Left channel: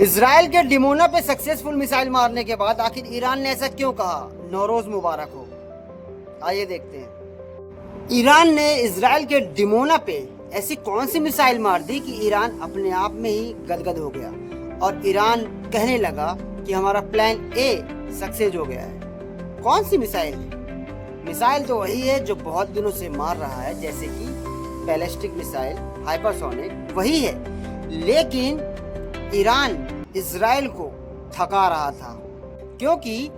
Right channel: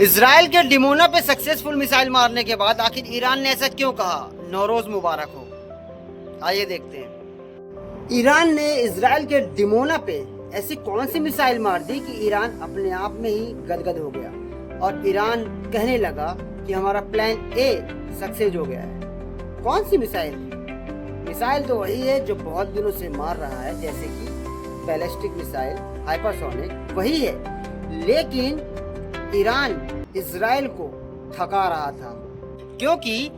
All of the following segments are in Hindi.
इजराइल के डिमोना पे सक्सेसफुल मिसाइल मारने के बाद आखिर ईरान ने ऐसा क्यों कहा? नौरोज मुबारक हो। आइए देखते हैं। ईरान ने इजराइल के डिमोना पे ऐसी कौन सी मिसाइल मार दी कि ईरान अपने आप में ही गदगद हो गया और ईरान कहने लगा कि हमारा प्लान ए सक्सेस हो गया है। कौन सी मिसाइल है? मिसाइल तो वही है जो बहुत दिनों से मार रहा है, जैसे कि बैलिस्टिक मिसाइल, हाइपरसोनिक, वही है। लेकिन ईरान इजराइल को थका रहा था, क्योंकि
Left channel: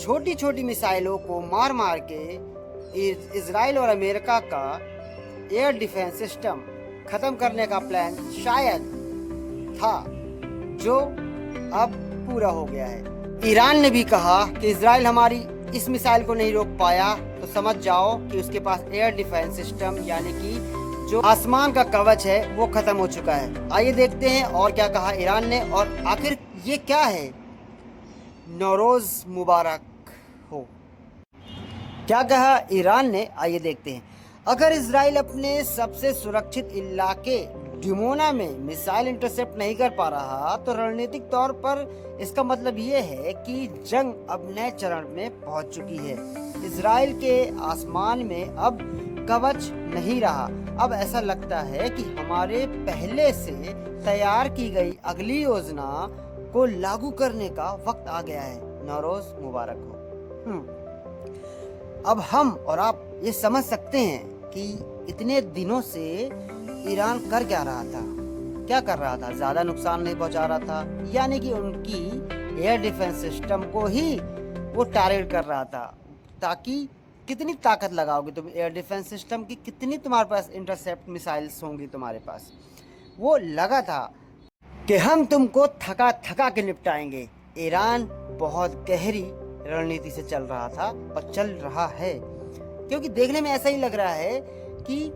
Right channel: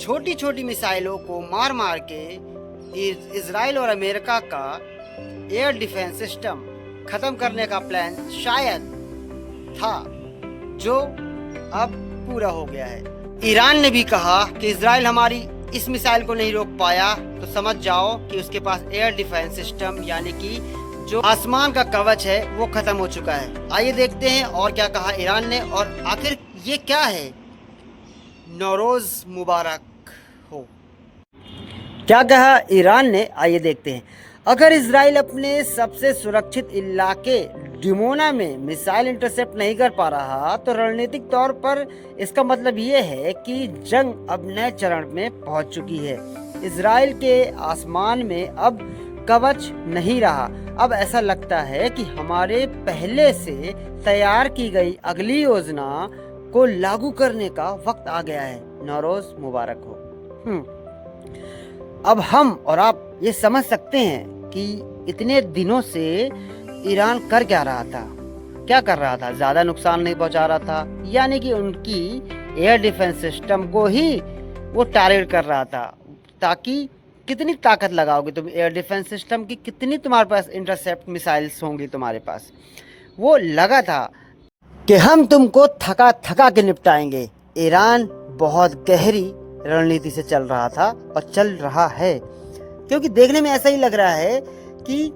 छोटी छोटी मिसाइलों को मार मार के इजराइल और अमेरिका का एयर डिफेंस सिस्टम खत्म करने का प्लान शायद था, जो अब पूरा हो गया है। ईरान ने भी कहा कि इजराइल हमारी इस मिसाइल को नहीं रोक पाया, तो समझ जाओ कि उसके पास एयर डिफेंस सिस्टम यानी कि जो आसमान का कवच है वो खत्म हो चुका है। आइए देखते हैं और क्या कहा ईरान ने, और आखिर ये क्या है। नौरोज मुबारक हो। क्या कहा ईरान ने, आइए देखते हैं। अगर इजराइल अपने सबसे सुरक्षित इलाके डिमोना में मिसाइल इंटरसेप्ट नहीं कर पा रहा, तो रणनीतिक तौर पर इसका मतलब ये है कि जंग अब नए चरण में पहुंच चुकी है। इजराइल के आसमान में अब कवच नहीं रहा। अब ऐसा लगता है कि हमारे पहले से तैयार की गई अगली योजना को लागू करने का वक्त आ गया है। नौरोज मुबारक हो। अब हम और आप ये समझ सकते हैं कि इतने दिनों से ईरान कर क्या रहा था, क्या कर रहा था। ज्यादा नुकसान नहीं पहुंचा रहा था, यानी कि उनकी एयर डिफेंस सिस्टम को ही वो टारगेट कर रहा था, ताकि कितनी ताकत लगाओगे तुम एयर डिफेंस सिस्टम की, कितनी तुम्हारे पास इंटरसेप्ट मिसाइल्स होंगी तुम्हारे पास। वो लगा था कि हम तुमको थका थका के निपटाएंगे। ईरान बहुत गहरी रणनीति से चल रहा था और चल रहा है, क्योंकि देखने में ऐसा ही लग रहा है कि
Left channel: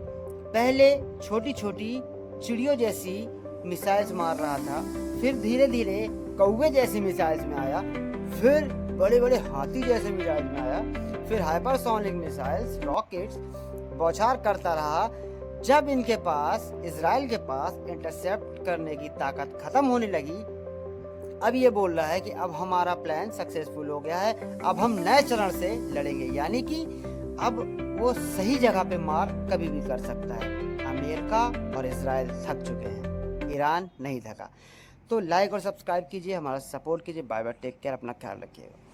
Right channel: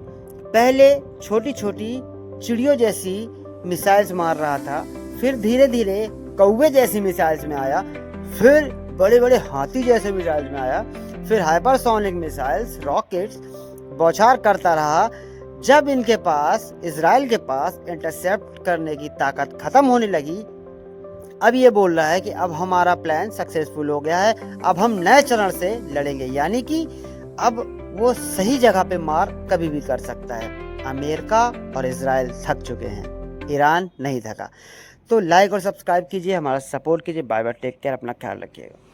पहले छोटी छोटी चिड़ियों जैसी मिसाइल्स मार रहा था, फिर धीरे धीरे कौवे जैसी मिसाइल्स में आया, फिर बड़े बड़े हाथी जैसे मिसाइल्स में आया, फिर हाइपरसोनिक मिसाइल्स, रॉकेट्स बौछार करता रहा। जब इनके पास, इजराइल के पास इंटरसेप्ट करने की ताकत खत्म होने लगी, अब ये बोल रहा है कि अब हमारा प्लान सक्सेसफुल हो गया है, अब हम नए चरण से लड़ेंगे, यानी कि अब वो सही जगह पे मार कभी भी कर सकता है। अमेरिका और इजराइल थक चुके हैं, ईरान नहीं थका। तो लाइक और सब्सक्राइब कीजिए, हमारा सपोर्ट कीजिए। बाय बाय, टेक केयर, अपना ख्याल रखिएगा।